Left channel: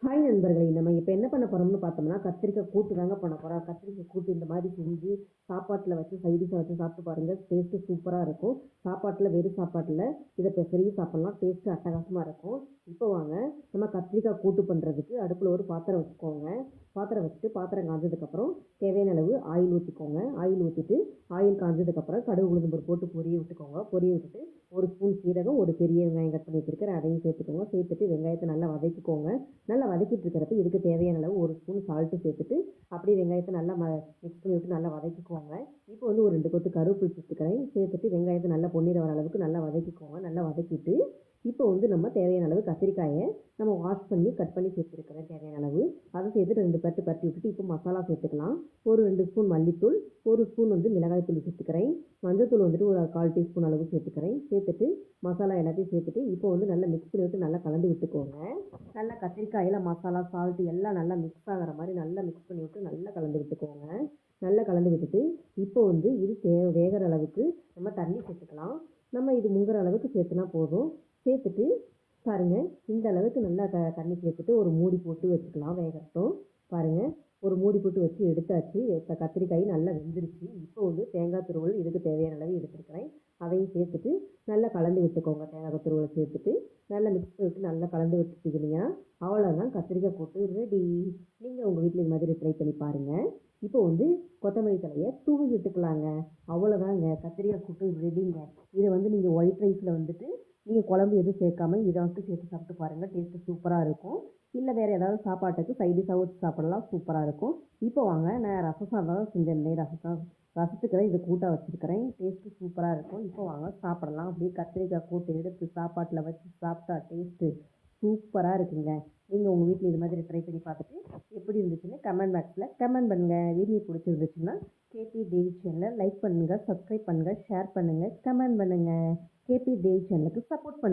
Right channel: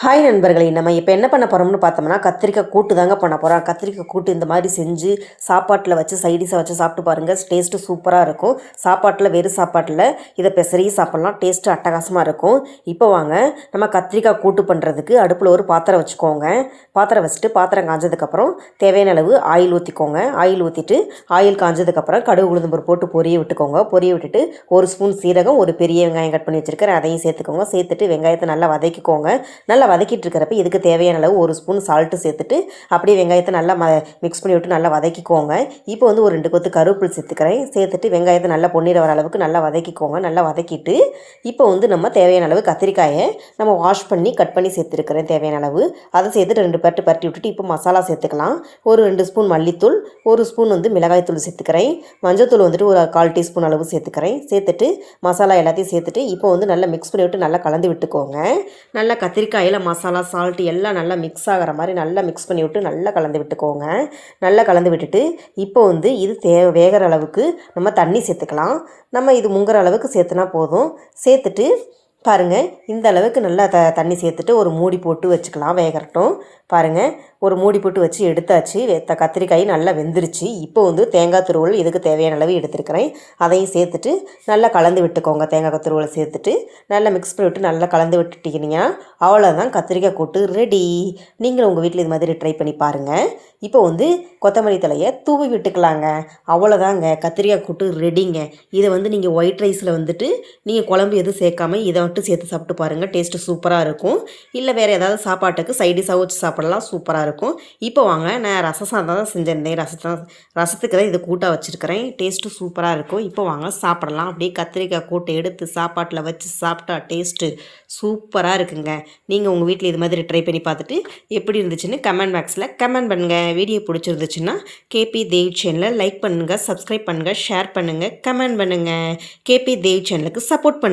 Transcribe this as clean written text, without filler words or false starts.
Hi நண்பர்களே, நம்ம இப்போ என்ன பண்ண போகிறோம்னு பார்த்தோம்னா கத்திரிக்காய் கூட்டு தாங்க பண்ண போகிறோம். கத்திரிக்காய் கூட்டு இந்த மாதிரி செஞ்சு சாப்பாட்டில் வச்சு சைடிஷாக வச்சு சாப்பிட்டு பாருங்கள். டேஸ்ட்டு சூப்பராக இருக்கும். சாப்பாட்டில் வெறும் சாப்பாட்டில் இதை பெசரி சாப்பிட்லாம். டேஸ்ட்டு அட்டகாசமாக இருக்கும். இப்போ வாங்க நம்ம கத்திரிக்காய் கூட்டு பண்ணுறதுக்கு அடுப்பில் ஒரு பாத்திரம் வச்சுக்கோங்க. பாத்திரம் வச்சுட்டு பாத்திரம் காஞ்சதுக்கப்புறம் தேவையான அளவு ஆயில் ஊற்றிக்கோங்க. ஆயில் ஊற்றிட்டு ஆயில் காஞ்சதுக்கப்புறம் கடுகு உளுந்தம்பருப்பு போட்டு பொரிய விட்டுக்கோங்க. பொரிய விட்டுட்டு ஒரு ஸ்பூன் சீரகம், ஒரு பெரிய வெங்காயம் கட் பண்ணி வச்சுருக்கிறேன், அதையும் சேர்த்துக்கோங்க. சேர்த்துட்டு வெங்காயத்தை நல்லா வதக்கிக்கோங்க. நல்லா வதக்கிட்டு இருக்கிறப்ப இதுக்கு தேவையான அளவு ஒரு ஸ்பூன் சால்ட்டு சேர்த்துட்டு அப்படியே வெங்காயத்தை நல்லா மிக்ஸ் பண்ணி விட்டு நல்லா வதக்கிக்கோங்க. இப்போ வந்து ஒரு 2 கொத்து கருவேப்பிலை சேர்த்துக்கிறேன். சேர்த்துட்டு வெங்காயத்தை நல்லா பொன்னிற வர அளவுக்கு நல்லா வதக்கிக்கோங்க. நல்லா வதக்கிட்டு இப்போ வந்து நம்ம தேவையான அளவு கத்திரிக்காயை நம்ம வாஷ் பண்ணி கட் பண்ணி சேர்த்துருக்கிறேன் தேவையான அளவு. அதை சேர்த்துட்டு 2 பரட்டி விட்டுட்டு இப்போ மசாலா சேர்த்துக்கலாம். ஒரு 2 ஸ்பூன் மல்லித்தூள், ஒரு ஸ்பூன் வந்து மிளகாய்த்தூள் சேர்த்துக்கிறேன். மஞ்சத்தூள் வந்துட்டு ஒரு 1/4 டீஸ்பூன் அளவு சேர்த்துக்கிறேன். சேர்த்துட்டு மசாலா எல்லாத்தையும் சேர்த்துட்டு இப்போ வந்து நல்லா மிக்ஸ் பண்ணி விட்டு நல்லா கலந்து விட்டுக்கோங்க. நல்லா கத்திரிக்காயில் மசாலா சால்ட்டு எல்லாம் நல்லா மிக்ஸ் ஆகிற மாதிரி நல்லா மிக்ஸ் பண்ணி விட்டு நல்லா கலந்து விட்டுக்கோங்க. நல்லா கலந்து விட்டுட்டு இப்போ வந்து இது வேகிற அளவுக்கு நம்ம தண்ணி சேர்த்துக்கலாம். நம்ம இது முங்குற அளவுக்கு சேர்த்துனா போதும். சேர்த்துட்டு பாருங்கள், இந்த அளவுக்கு நல்லா தண்ணி சேர்த்துட்டு ஒரு மூடி போட்டு வச்சுக்கலாம், வேகட்டும். பாருங்கள், ஒரு மூடி போட்டு வச்சு எடுத்தாச்சு. கத்திரிக்காய் நல்லா வெந்துருச்சு. இப்போ வந்து தேங்காய் துருவல் இதுக்கு தேவையான அளவு எடுத்துருக்கிறேன், அதையும் சேர்த்துட்டு நல்லா கலந்து விட்டுக்கோங்க. தேங்காய் துருவலை சேர்த்துட்டு நல்லா மிக்ஸ் பண்ணி விட்டு நல்லா கலந்து விட்டுட்டிங்கன்னா அவ்வளோதான், கத்திரிக்காய் கூட்டு ரெடி. நீங்களும் உங்கள் வீட்டில் இது மாதிரி ட்ரை பண்ணி பாருங்கள். இப்போ வந்து கொத்தமல்லி தலையை தூவி விட்டுக்கலாங்க. அவ்வளோதாங்க, கத்திரிக்காய் கூட்டு ரெடிங்க. இதை வந்து நீங்கள் ஒயிட் ரைஸில் வந்துட்டு நீங்கள் குழம்பு எதுவும் சேர்க்காம இதை மட்டும் சேர்த்து சாப்பிட்டு பாருங்கள். டேஸ்ட்டு சூப்பராக இருக்கும். இல்லை வேறு ஏதாவது சாப்பாட்டுக்கு சைடிஷாக வச்சு சாப்பிடலாம், சூப்பராக இருக்கும். இப்போ வாங்க, நான் ரசம் சாதம் தான் செஞ்சிருந்தேன். ரசத்துக்கு தான் இதை கூட்டாக வச்சுருக்கிறேன். டேஸ்ட்டு சூப்பராக இருக்கும். இப்போ வாங்க சாப்பிடலாம். அப்படியே கத்திரிக்காய் கூட்டை எடுத்து சாப்பாட்டில் வச்சு சாப்பிட்டா டேஸ்ட்டு சூப்பராக இருக்குங்க. நீங்கள் உங்கள் வீட்டில் இது மாதிரி ட்ரை பண்ணி பார்த்துட்டு எப்படி இருந்துச்சுன்னு கமெண்ட் பாக்ஸில் கமெண்ட் பண்ணுங்கள். வீடியோ பிடிச்சிருந்துச்சுன்னா கேபி தேவ் சேனலை லைக் பண்ணுங்கள், சப்ஸ்கிரைப் பண்ணுங்கள், ஷேர் பண்ணுங்கள், கமெண்ட் பண்ணுங்கள். கேபி தேவ் சேனலுக்கு சப்போர்ட் பண்ணுங்கள்.